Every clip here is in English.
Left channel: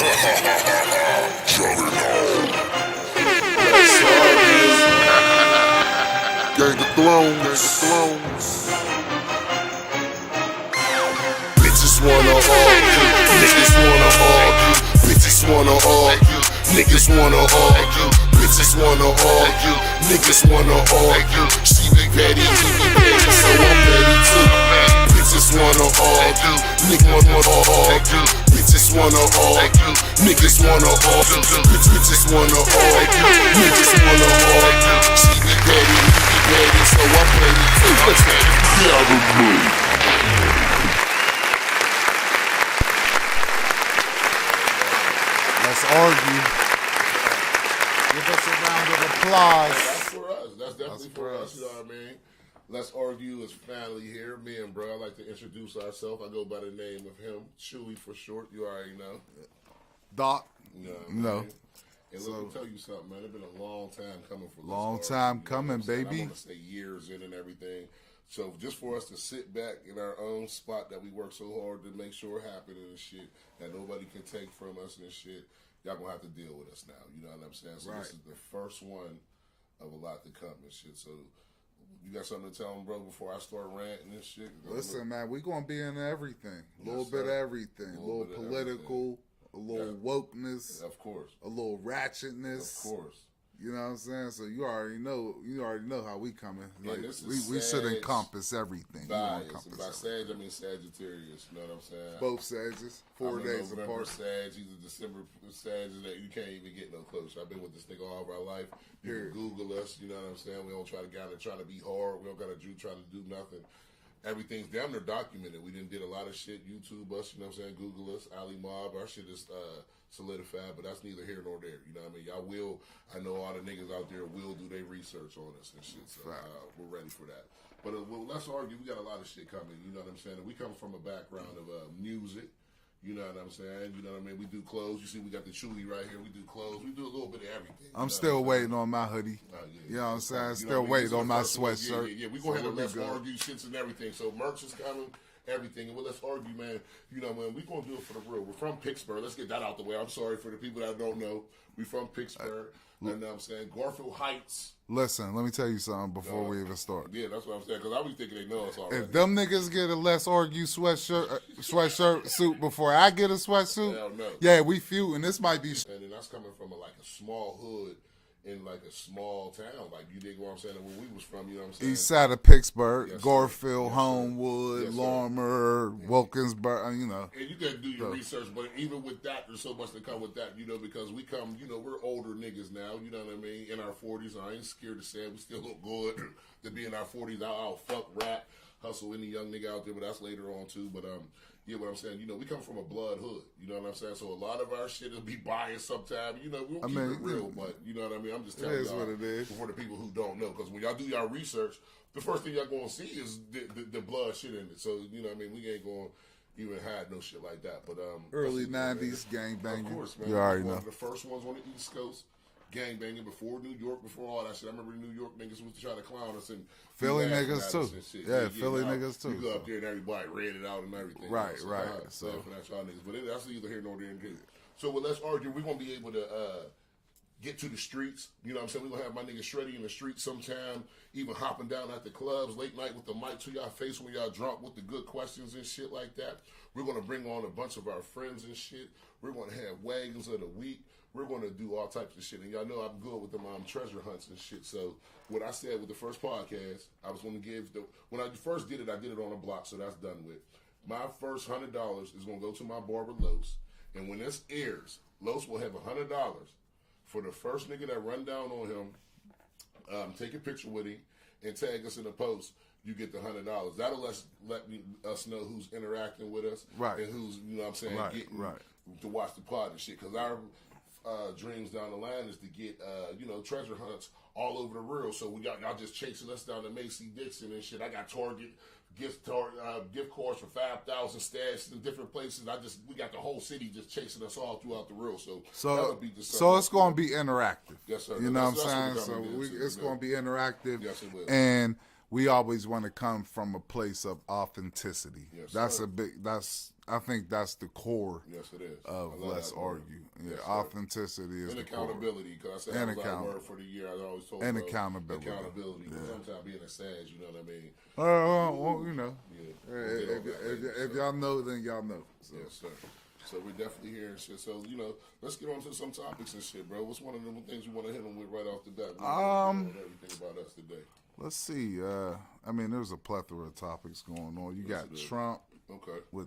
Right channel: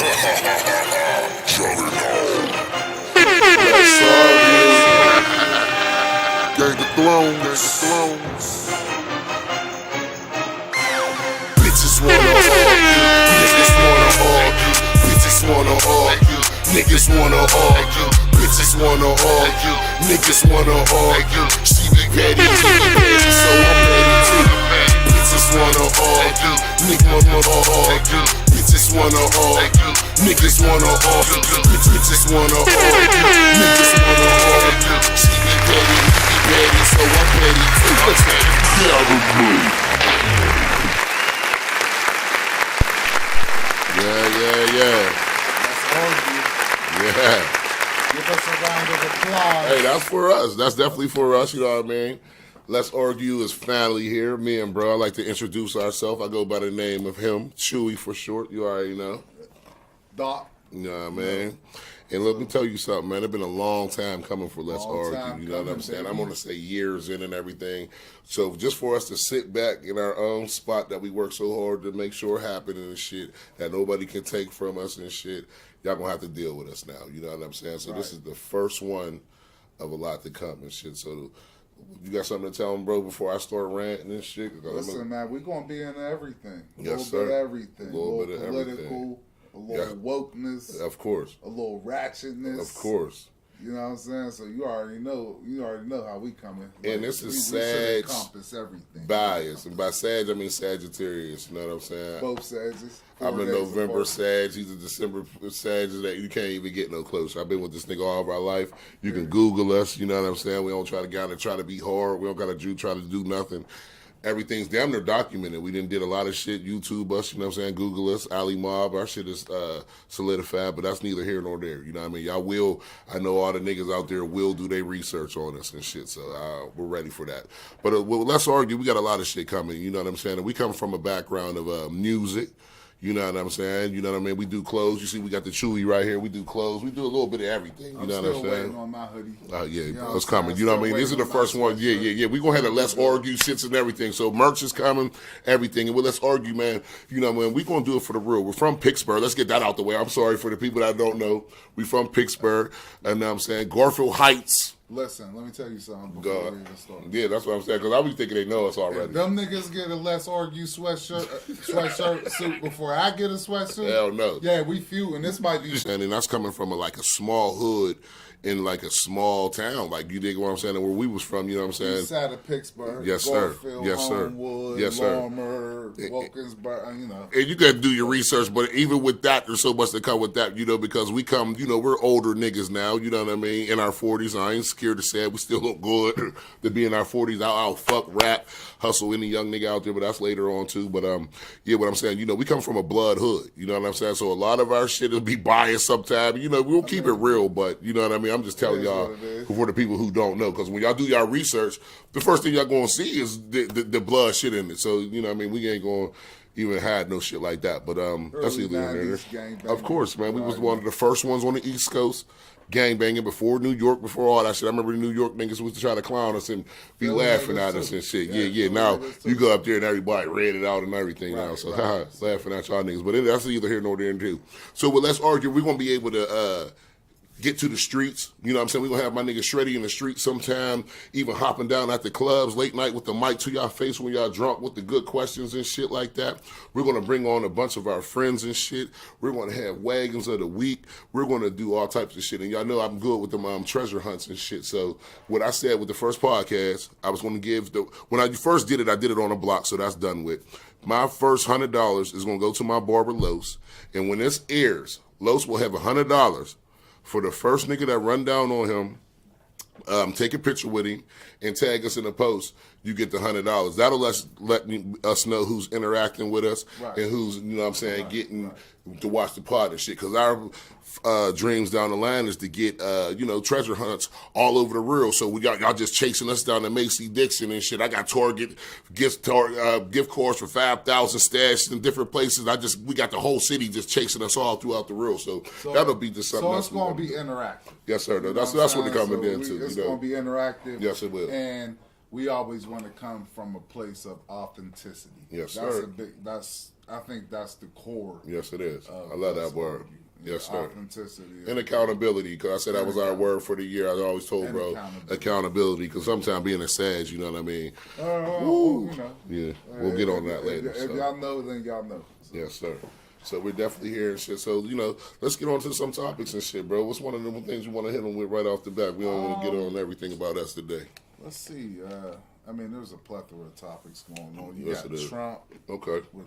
Gang of Thrones. Bitches wanna argue, niggas wanna argue. Bitches wanna argue, niggas wanna argue. Bitches wanna argue, niggas wanna argue. She be ready, so I'm ready too. Bitches wanna argue, niggas wanna argue. Bitches wanna argue, niggas wanna argue. Bitches wanna argue, niggas wanna argue. She be ready, so I'm ready too. Get out of me. Hey, that's for us. That's definitely for us, you know what I mean? Let's Argue is finally here. Me and bro, I like to introduce ourselves. I go by the name of him, Chewy for short. You already know. Doc. You know what I mean? And let me tell you something, man. It's been a long time coming for Let's Argue. Time you know coming, what I'm saying? baby. I'm going to say years in and everything. So just for us to sit back in our own spot that we work so hard to make sure happen and shit, that nobody can take from us and shit, y'all going to have to deal with us now. You know what I'm saying? So This is the first one of a lot to come and shit. So you got something to tell them, bro, before I start ranting and shit? Listen, man, we're going to be into everything. A Yes, little bit of everything. A little bit of political, everything. a little wokeness. Of course. A little ratchetness. Of course. You know what I'm saying? So you already know how we coming. And this is we should Sag encompass everything. bias. And by Sag, I mean Sagittarius. You know what I'm saying? Both Sages. I'm a November Sag. He's a December Sag. That you can't even get no closer. I've been with this nigga all of our life. You can Google us. You know what I'm saying? We don't try to get out and try to be hard. We don't got to try to do nothing. Everything's damn near documented. We did a lot of shit. YouTube us, you know what I'm saying? Google us, Ali Mob. Our shit is solidified, but that's neither here nor there. You know what I mean? Y'all will, I know all the niggas out there will do their research on us and shit, so we're ready for that. But Let's Argue, we got a lot of shit coming, you know what I'm saying? And we come from a background of music. You know what I'm saying? You know what I mean? We do clothes. You see, we got the Chewy right here. We do clothes. We do a little bit of everything. I'm still waiting on my hoodie. Yeah, you know it's coming. You know what I mean? These are the first ones. Yeah. We gonna have the Let's Argue shits and everything. So merch is coming, everything. And Let's Argue, man. You know what I mean? We gonna do it for the real. We're from Pittsburgh. Let's get that out the way. I'm sorry for the people that don't know. We from Pittsburgh. And I'm saying Garfield Heights. Listen, let me tell you something before we even start. Yeah, that's what I'm saying, because I be thinking they know us already. If them niggas get a Let's Argue sweatshirt suit before I get a sweatsuit, hell no. Yeah, we few, and this might be... And that's coming from a small hood in like a small town. Like, you dig what I'm saying? And where we was from, you know what I'm saying? Inside of Pittsburgh, yes, sir. Garfield, yes, Homewood, yes, Larmer, Wilkinsburg, you know. And you got to do your research, but even with that, there's so much that come with that, you know, because we come, you know, we're older niggas now, you know what I mean, in our 40s. I ain't scared to say it. We still look good to be in our 40s. I'll fuck, rap, hustle any young nigga out there, but that's later on too. But yeah, what I'm saying, you know, we come from a blood hood, you know what I'm saying? So a lot of our shit will be biased sometimes. You know, we'll keep it real, but you know what I mean? I'm just telling y'all for the people who don't know, because when y'all do y'all research, the first thing y'all gonna see is the blood shit in it. So, you know what I mean? We ain't gonna even hide no shit like that. But that's either of course, man. We was one of the first ones on the East Coast. Gang banging before New York, before all that shit. I remember the New York niggas was to try to clown us and be laughing at us and shit. Yeah. Now you go up there and everybody read it out and everything now. So laughing at y'all niggas. But that's either here nor there too. So Let's Argue, we're gonna be able to get to the streets. You know what I'm saying? We're going to have my nigga Shreddy in the streets sometime, even hopping down at the clubs late night with the mic to y'all face when y'all drunk with the good questions and shit like that. We're going to bring on a bunch of our friends and shit. We're going to have wagons of the week. We're going to do all types of shit. And y'all know I'm good with them treasure hunts and shit. So what I said with the first podcast, I was going to give when I first did it, I did it on a block, so that's done with. My first $100 is going to go to my barber, Los. And when this airs, Los will have $100 for the first nigga that run down on him, take a picture with him, and tag us in the post. You get the $100. That'll let us know who's interacting with us and who's, you know what I'm saying, getting to watch the pod and shit. Because our dreams down the line is to get, you know, treasure hunts all over the world. So y'all just chasing us down to Macy Dixon and shit. I got Target gift cards for 5,000 stashed in different places. We got the whole city just chasing us all throughout the world. So that'll be just something. So it's going to be interactive. Yes, sir. You know that's what they're coming into. It's going to be interactive. Yes, it will. And we always want to come from a place of authenticity. Yes, that's sir. I think that's the core. Yes, it is. I love that word. Yes, sir. Authenticity and accountability, because I said that was our word for the year. I always told and bro accountability, because sometimes being a sag, you know what I mean. Well, Yeah, we'll get on that later. If y'all know, then y'all know. So. Yes, sir. So we're definitely here and shit. So, let's get on to some topics and shit, bro. What's one of the things you want to hit them with right off the bat? We don't want to get on everything about us today. Let's see. I mean, there's a plethora of topics going on. You Yes, got it is. Trump. Okay. With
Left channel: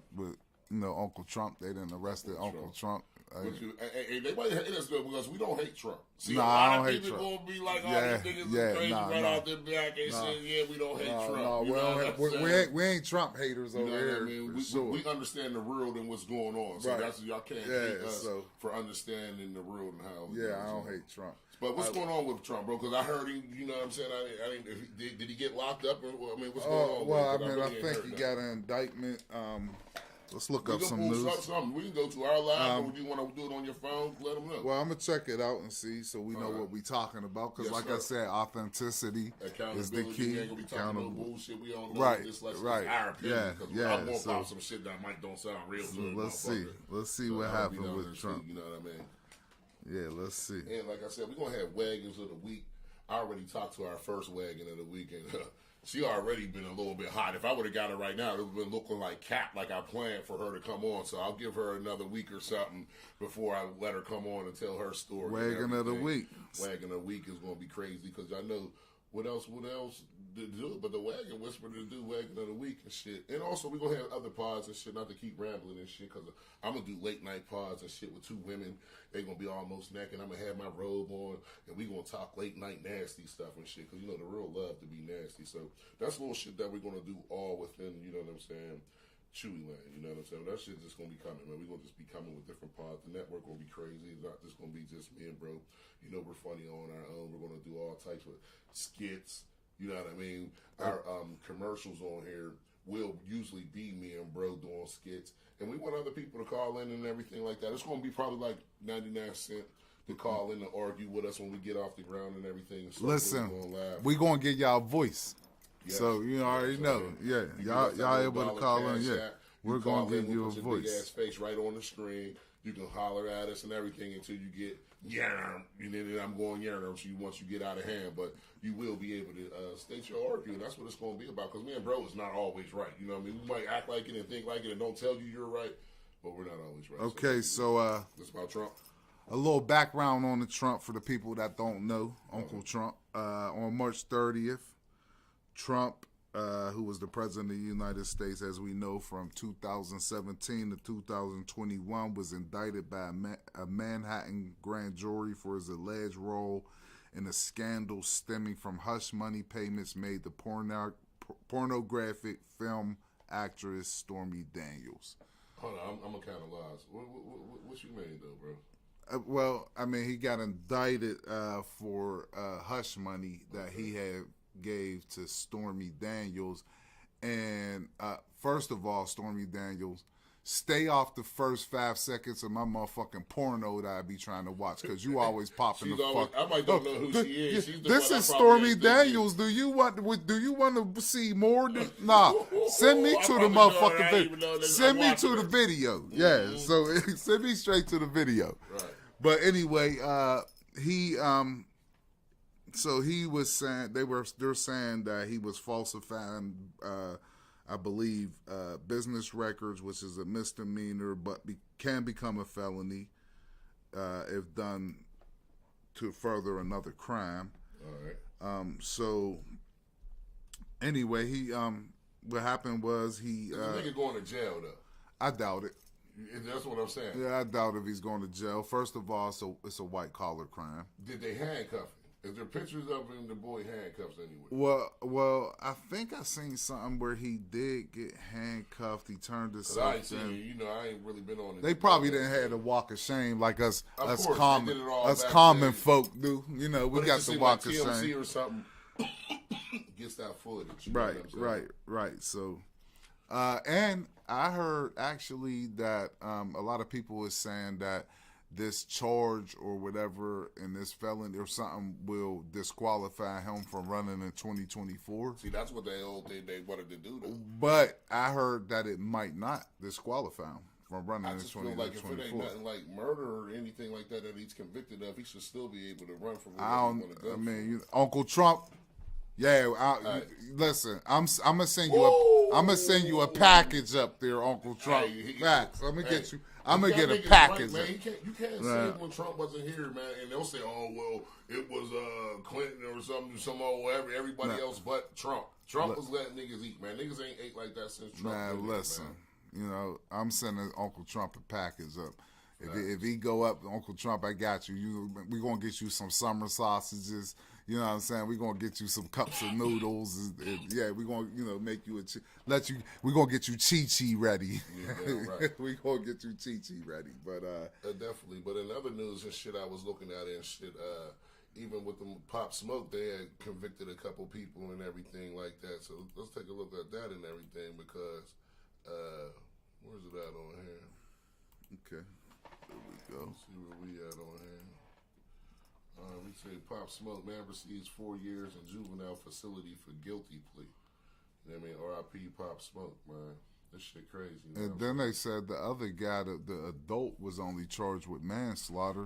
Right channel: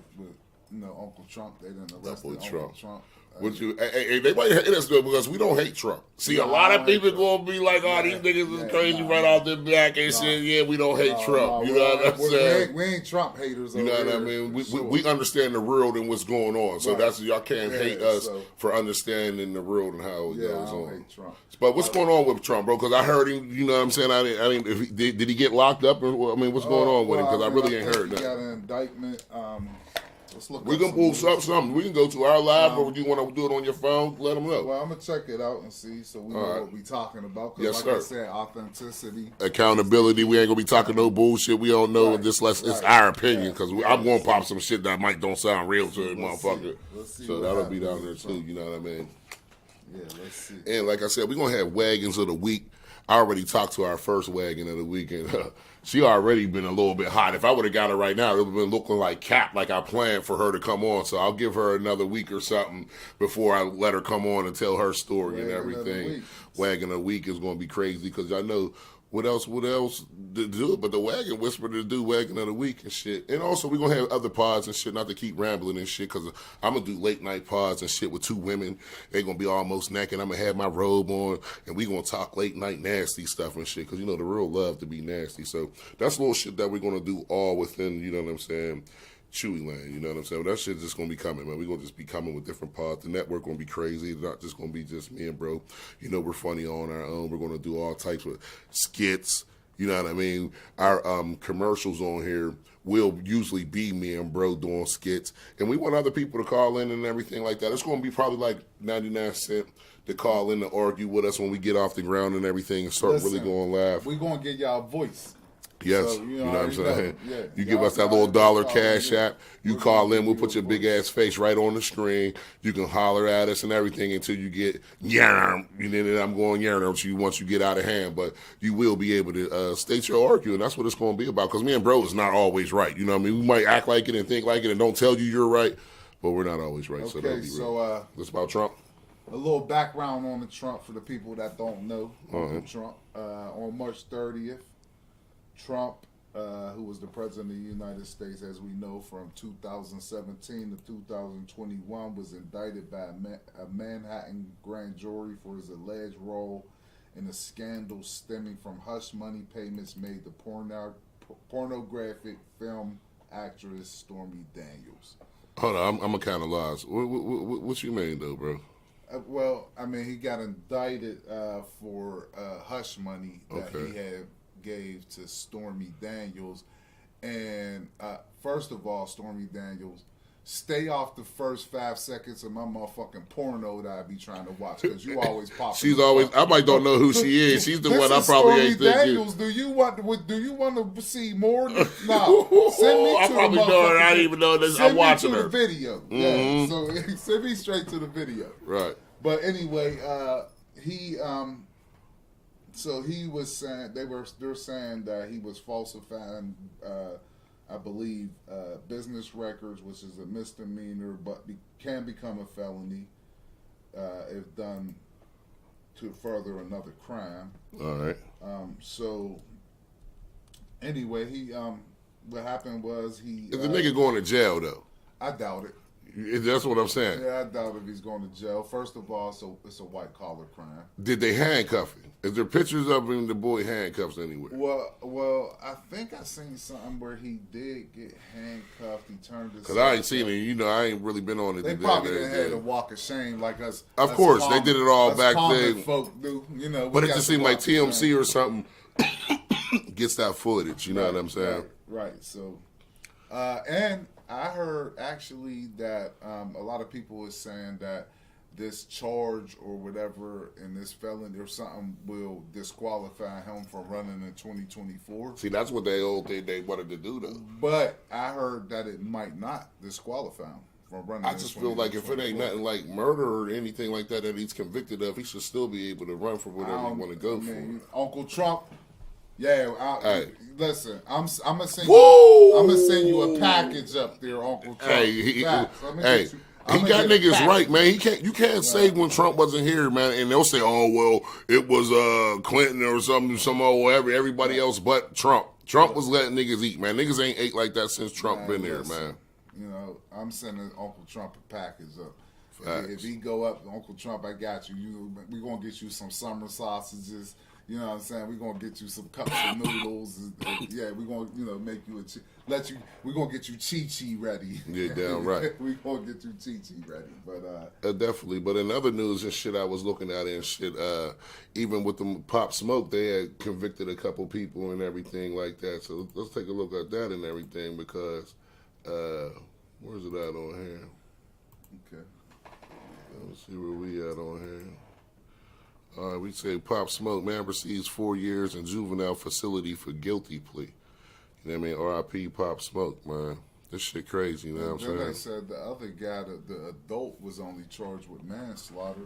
Uncle Trump. They didn't arrest Uncle Trump. They might hate us though because we don't hate Trump. See, a lot of people gonna be like, "Oh, these niggas is crazy right off the back," and shit. Yeah, we don't hate Trump. You know what I'm saying? We ain't Trump haters. You know what I mean? We understand the world and what's going on. So that's y'all can't hate us for understanding the world and how it goes I don't on. hate Trump. But what's going on with Trump, bro? Because I heard him. You know what I'm saying? I didn't. Did he get locked up? Or, I mean, what's going on with him? Because I really ain't heard that. He got an indictment. Let's look. We can pull something. We can go to our live, or do you want to do it on your phone? Let them know. Well, I'm gonna check it out and see, so we know what we talking about. Because, I said, authenticity, accountability. We ain't gonna be talking no bullshit. We don't know. It's our opinion. Because I'm gonna pop some shit that might don't sound real to a motherfucker. Let's see. So that'll be down there too. You know what I mean? Yeah, let's see. And like I said, we're gonna have wagons of the week. I already talked to our first wagon of the week, and she already been a little bit hot. If I would have got her right now, it would have been looking like Cap, like I planned for her to come on. So I'll give her another week or something before I let her come on and tell her story and everything. Wagon of the week is going to be crazy because I know what else to do but the wagon whisper to do wagon of the week and shit. And also we're going to have other pods and shit, not to keep rambling and shit, because I'm going to do late night pods and shit with two women. They're going to be almost naked. I'm going to have my robe on and we're going to talk late night nasty stuff and shit, because, the real love to be nasty. So that's little shit that we're going to do all within, you know what I'm saying, Chewy land, you know what I'm saying? But that shit's just going to be coming, man. We're going to just be coming with different pods. The network going to be crazy. It's not just going to be just me and bro. We're funny on our own. We're going to do all types of skits. You know what I mean? Our commercials on here will usually be me and bro doing skits. And we want other people to call in and everything like that. It's going to be probably like 99 cents to call in to argue with us when we get off the ground and everything and start really going live. We're going to get y'all a voice. Yes, so, you know what I'm saying? Yeah. You give us that little $1 cash app. You call in, we'll put your big ass face right on the screen. You can holler at us and everything until you get yarn. And then I'm going yarn to you once you get out of hand. But you will be able to state your argument. That's what it's going to be about. Because me and bro is not always right. You know what I mean? We might act like it and think like it and don't tell you you're right, but we're not always right. Okay, so this about Trump. A little background on the Trump for the people that don't know. Uncle Trump on March 30th. Trump, who was the president of the United States, as we know, from 2017 to 2021, was indicted by a Manhattan grand jury for his alleged role in a scandal stemming from hush money payments made to pornographic film actress Stormy Daniels. Hold on, I'm a kind of lost. What you mean, though, bro? Well, I mean, he got indicted for hush money that he had gave to Stormy Daniels. And first of all, Stormy Daniels, stay off the first 5 seconds of my motherfucking porno that I be trying to watch, because you always pop. She's always. I might don't know who she is. She's the one I probably ain't thinking. Stormy Daniels. Do you want to see more? Nah. Send me to the motherfucking. I didn't even know this. Send I'm me watching to her. the video. Mm-hmm. Yeah. So send me straight to the video. Right. But anyway, he. So he was saying they're saying that he was falsifying, I believe, business records, which is a misdemeanor, but can become a felony if done to further another crime. All right. So anyway, he what happened was he. Is the nigga going to jail though? I doubt it. That's what I'm saying. Yeah, I doubt if he's going to jail. First of all, it's a white collar crime. Did they handcuff him? Is there pictures of him, the boy handcuffs anywhere? Well, I think I seen something where he did get handcuffed. He turned his. Because I ain't seen it. I ain't really been on it. They probably didn't have the walk of shame like us. Of course, common, they did it all back then. Folk do, but it just seemed like TMC or something gets that footage. You know what I'm saying? Right. So, and I heard actually that a lot of people was saying that this charge or whatever and this felony or something will disqualify him from running in 2024. See, that's what they wanted to do, though. But I heard that it might not disqualify him from running. I just feel like if it ain't nothing like murder or anything like that he's convicted of, he should still be able to run for whatever he want to go for. Uncle Trump. Yeah, hey. Listen, I'm gonna send you a package up there, Uncle Trump. Hey, he got niggas right, man. You can't say when Trump wasn't here, man, and they'll say, "Oh, well, it was Clinton or some everybody else but Trump." Trump was letting niggas eat, man. Niggas ain't ate like that since Trump been there, man. You know, I'm sending Uncle Trump a package up. If he go up, Uncle Trump, I got you. We gonna get you some summer sausages. You know what I'm saying? We're going to get you some cups of noodles. Yeah, we're going to, make you we're going to get you Chi-Chi ready. Yeah, damn right. We're going to get you Chi-Chi ready. But definitely. But in other news and shit I was looking at and shit, even with the Pop Smoke, they had convicted a couple people and everything like that. So let's take a look at that and everything because, where's it at on here? Okay. Let's see where we at on here. We say Pop Smoke, man, receives 4 years in juvenile facility for guilty plea. You know what I mean? R.I.P. Pop Smoke, man. This shit crazy, you know what I'm saying? Then they said the other guy, the adult, was only charged with manslaughter.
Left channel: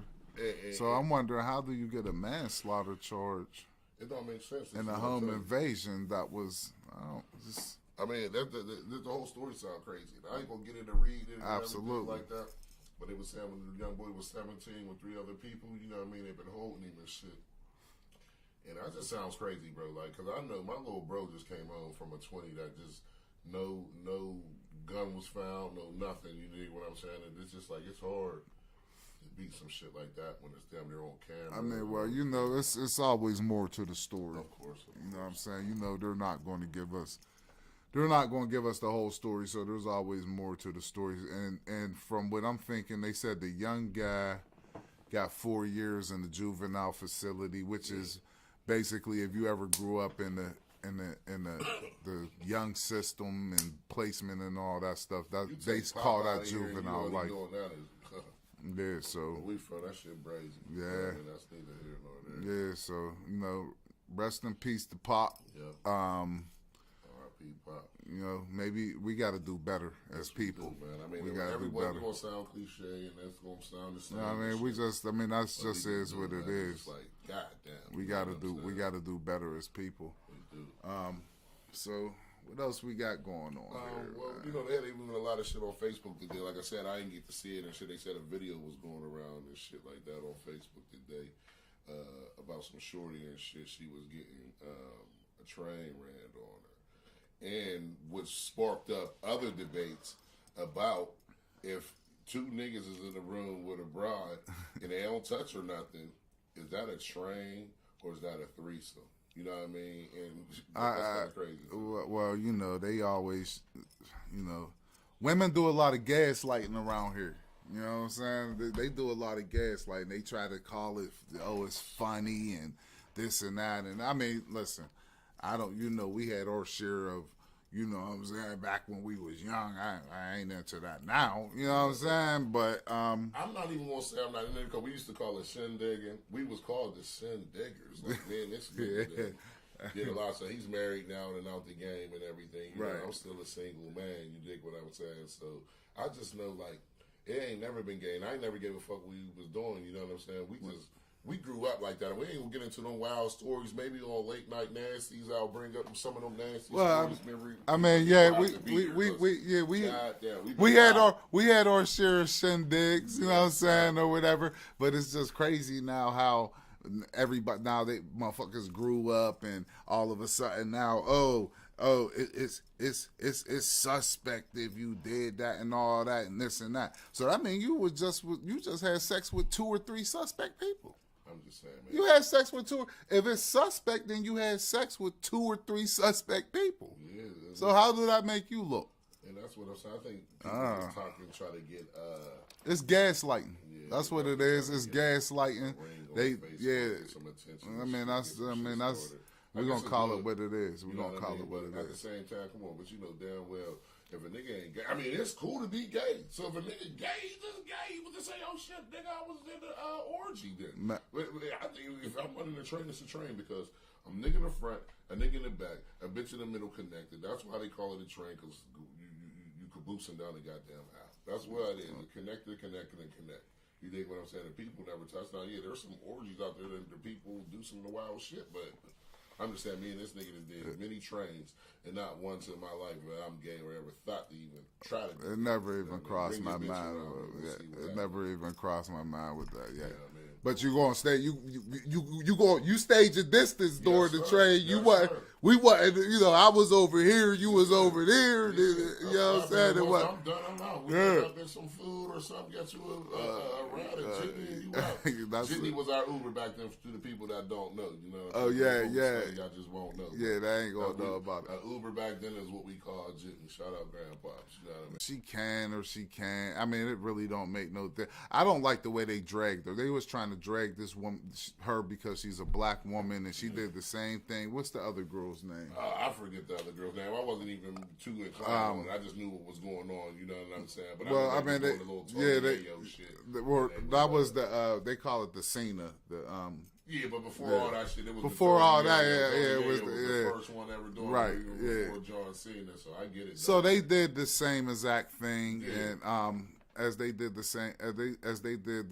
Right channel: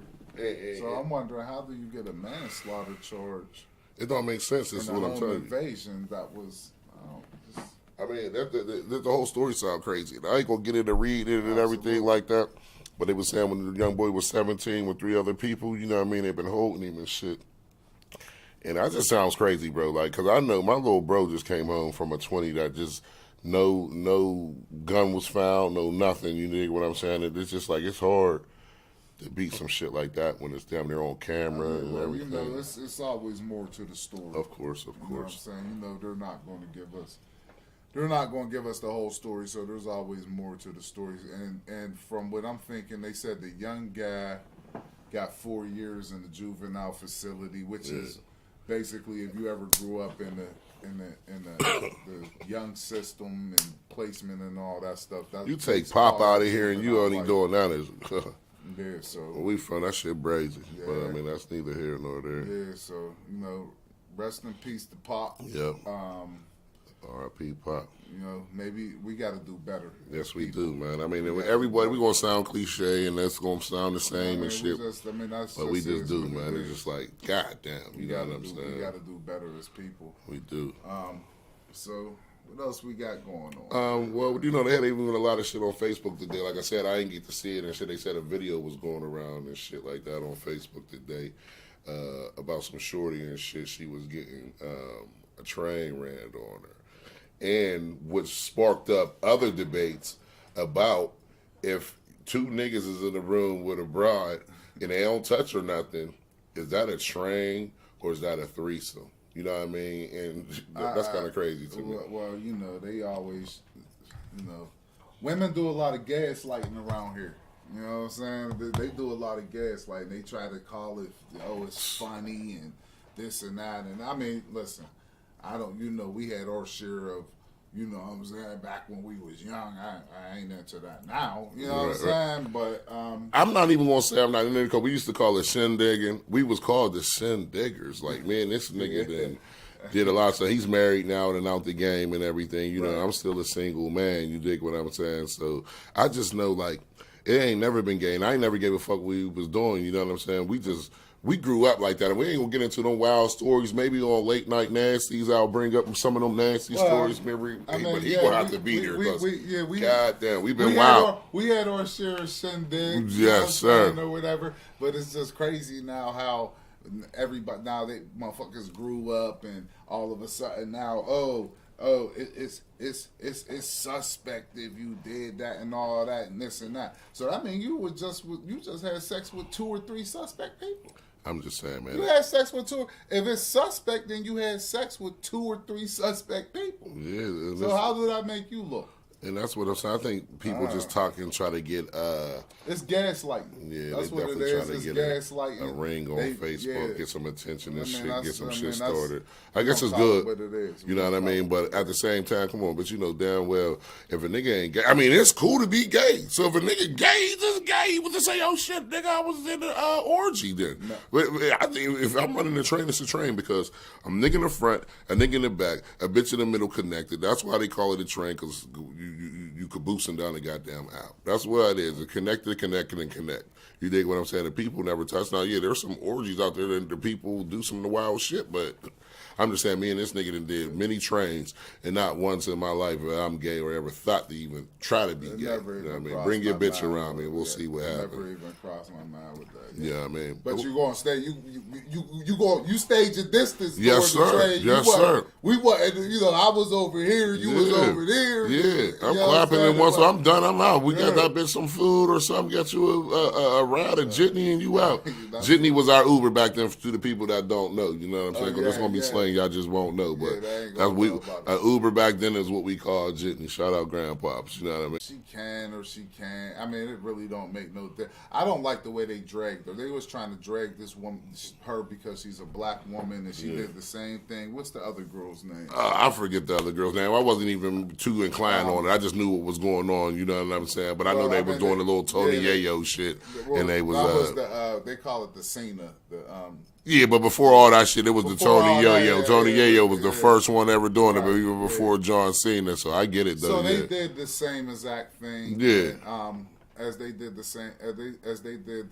So I'm wondering, how do you get a manslaughter charge? It don't make sense, is what I'm telling you. Invasion, that was, I mean, the whole story sound crazy. I ain't going to get into reading it and everything like that. But they were saying when the young boy was 17 with 3 other people, you know what I mean? They've been holding him and shit. And that just sounds crazy, bro. Like, because I know my little bro just came home from a 20 that just no gun was found, no nothing. You know what I'm saying? It's just like, it's hard to beat some shit like that when it's damn near on camera. Well, you know, it's always more to the story. Of course. You know what I'm saying? You know, they're not going to give us the whole story, so there's always more to the stories. And from what I'm thinking, they said the young guy got 4 years in the juvenile facility, which is basically if you ever grew up in the young system and placement and all that stuff. You take Pop out of here and you only doing that is. Yeah, so where we from, that shit brazy. Yeah. But I mean, that's neither here nor there. Yeah, so you know, rest in peace to Pop. Yep. R.I.P. Pop. You know, maybe we got to do better. Yes, we do, man. I mean, everybody, we gonna sound cliche, and that's gonna sound the same and shit. But we just do, man. It's just like, goddamn, we gotta do better as people. We do. So what else we got going on? Well, you know, they had even a lot of shit on Facebook today. Like I said, I didn't get to see it and shit. They said a video was going around and shit like that on Facebook today about some shorty and shit. She was getting a train ran on her. And which sparked up other debates about if 2 niggas is in a room with a broad and they don't touch or nothing, is that a train or is that a threesome? You know what I mean? And that's kind of crazy to me. Well, you know, they always, you know, women do a lot of gaslighting around here. You know what I'm saying? They do a lot of gaslighting. They try to call it, oh, it's funny and this and that. And I mean, listen. We had our share of, you know what I'm saying, back when we was young. I ain't into that now, you know what I'm saying? But I'm not even going to say I'm not into it because we used to call it shindigging. We was called the shindiggers. Like, man, this nigga did a lot of stuff. He's married now and out the game and everything. You know, I'm still a single man. You dig what I'm saying? So I just know, like, it ain't never been gay. And I ain't never gave a fuck what we was doing. You know what I'm saying? We grew up like that, and we ain't gonna get into them wild stories. Maybe on Late Night Nasties, I'll bring up some of them nasty stories. I mean, he won't have to be here. Goddamn, we've been wild. We had our share of shindigs, yes, sir, or whatever. But it's just crazy now how everybody they motherfuckers grew up, and all of a sudden now, it's suspect if you did that and all that and this and that. So I mean, you just had sex with 2 or 3 suspect people. I'm just saying, man. You had sex with 2. If it's suspect, then you had sex with 2 or 3 suspect people. Yeah. So how did that make you look? And that's what I'm saying. I think people just talk and try to get It's gaslighting. yeah, That's they what it definitely is. trying to It's get gaslighting. a ring on Facebook, get some attention and shit, get some shit started. I guess it's good. What it is. You know what I mean? But at the same time, come on, but you know damn well if a nigga ain't gay, I mean it's cool to be gay. So if a nigga gay, just gay. He would just say, "Oh shit, nigga, I was in the orgy then." But I think if I'm running the train, it's a train because I'm nigga in the front, a nigga in the back, a bitch in the middle connected. That's why they call it a train because you caboosing down the goddamn aisle. That's what it is. A connected, connected, and connect. You dig what I'm saying? The people never touch. Now, yeah, there's some orgies out there that the people do some of the wild shit, but I'm just saying, me and this nigga done did many trains, and not once in my life that I'm gay or ever thought to even try to be gay. Never You know what I mean? crossed Bring your my bitch mind around me, and we'll see what happens. Never even crossed my mind with that. Yeah, I mean, But you gonna stay? You stage your distance Yes, towards sir. the train. Yes, sir. We wasn't. You know, I was over here. You was over there. Yeah, You I'm know what clapping, saying? and once Like, I'm done, I'm out. We got that bitch some food or something, get you a ride, a jitney, and you out. Jitney was our Uber back then to the people that don't know. You know what I'm saying? Because it's gonna be slang y'all just won't know. But they ain't that's gonna know about that. Uber back then is what we call jitney. Shout out grandpops. You know what I mean? She can or she can't. I mean, it really don't make no difference. I don't like the way they dragged her. They was trying to drag this woman, her, because she's a black woman and she did the same thing. What's the other girl's name? I forget the other girl's name. I wasn't even too inclined on it. I just knew what was going on. You know what I'm saying? But I know they was doing the little Tony Yayo shit, and they was. That was the they call it the Cena. Yeah, but before all that shit, it was the Tony Yo-Yo. Tony Yo-Yo was the yeah. first one ever doing it, but Right, even before John Cena, so I get it, though. So they did the same exact thing. Yeah. And, as they did the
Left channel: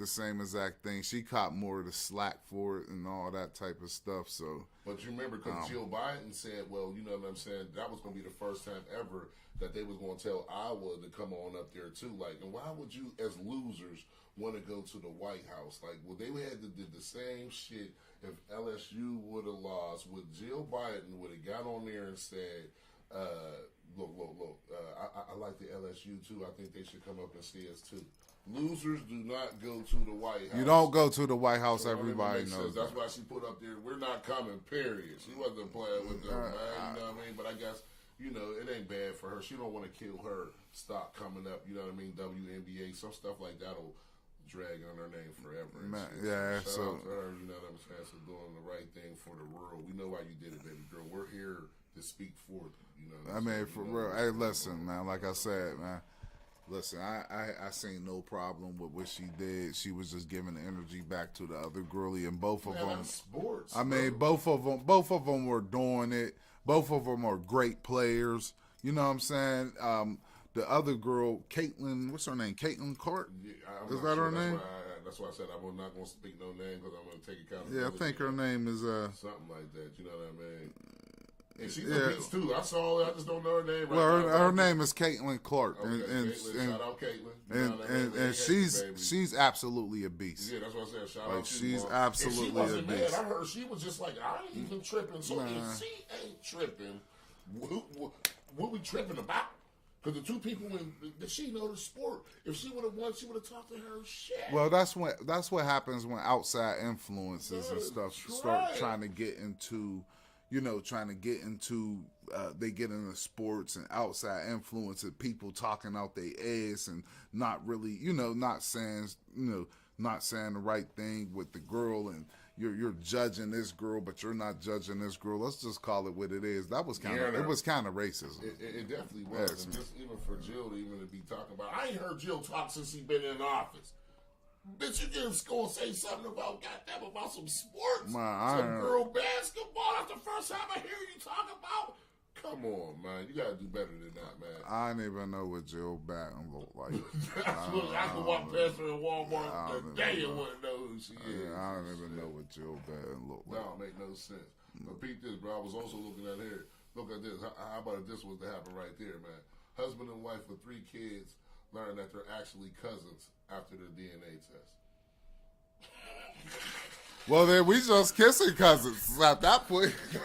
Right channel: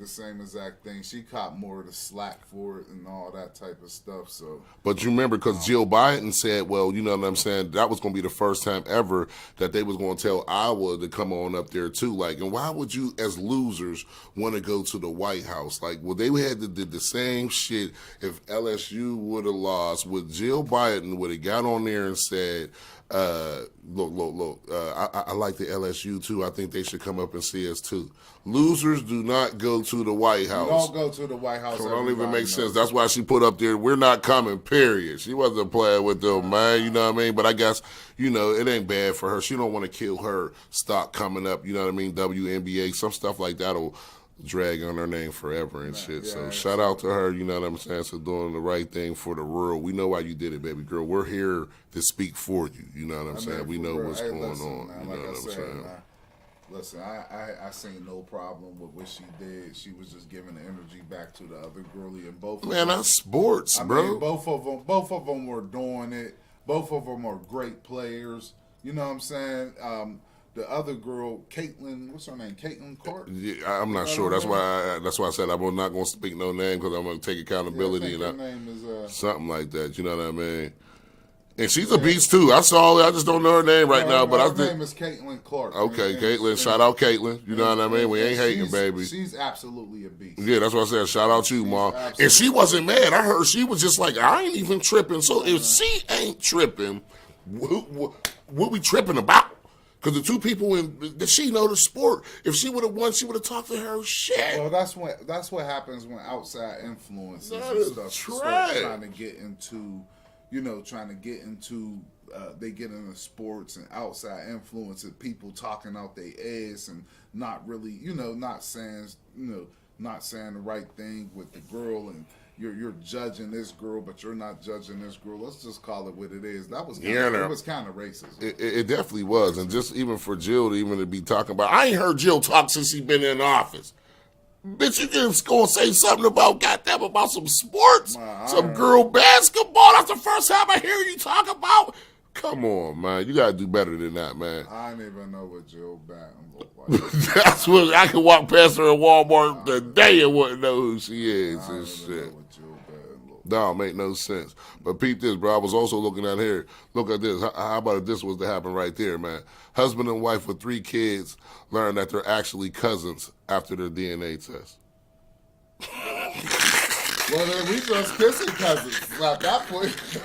same exact thing, she caught more of the slack for it and all that type of stuff. So, But you remember, because Jill Biden said, well, you know what I'm saying, that was going to be the first time ever that they was going to tell Iowa to come on up there, too. Like, and why would you, as losers, want to go to the White House? Like, well, they had to did the same shit if LSU would have lost. Would Jill Biden would have got on there and said, look, I like the LSU too. I think they should come up and see us too. Losers do not go to the White House. you don't go to the White House. It don't even make sense. knows. That's why she put up there, we're not coming, period. She wasn't playing with them, man. You know what I mean? But I guess, you know, it ain't bad for her. She don't want to kill her stock coming up. You know what I mean? WNBA, some stuff like that will drag on her name forever and shit. So shout out to her, you know what I'm saying, for doing the right thing for the world. We know why you did it, baby girl. We're here to speak for you. You know what I'm saying? We know what's going on. Man, like I said, man, listen, I seen no problem with what she did. She was just giving the energy back to the other girlie, and both of them. Man, that's sports, bro. Mean, both of them were doing it. Both of them are great players. You know what I'm saying? The other girl, Caitlin, what's her name? Caitlin Clark? Yeah, I'm not sure. That's why I said I'm not going to speak no name because I'm going to take accountability. Yeah, I think her name is something like that. You know what I mean? And she's a beast too. I saw it. I just don't know her name right now. But her name is Caitlin Clark. Okay, Caitlin. Shout out Caitlin. You know what I mean? We ain't hating, baby. She's absolutely a beast. Yeah, that's what I said. Shout out you, Mom. And she wasn't mad. I heard she was just like, I ain't even tripping. So if she ain't tripping, what we tripping about? Because the two people that she know the sport. If she would have won, she would have talked to her shit. Well, that's what happens when outside influences and stuff start trying to get into, they get into sports and outside influences, people talking out their ass and not really, not saying the right thing with the girl, and you're judging this girl, but you're not judging this girl. Let's just call it what it is. That was kind of racist. It definitely was, and just even for Jill to be talking about, I ain't heard Jill talk since she been in office. Bitch, you just gonna say something about some sports, some girl basketball? That's the first time I hear you talk about. Come on, man. You gotta do better than that, man. I didn't even know what Jill Batten looked like. That's what I could walk past her at Walmart today and wouldn't know who she is and shit. No, make no sense. But peep this, bro. I was also looking at here. Look at this. How about if this was to happen right there, man? Husband and wife with 3 kids learn that they're actually cousins after their DNA test. Well, then we just kissing cousins at that point.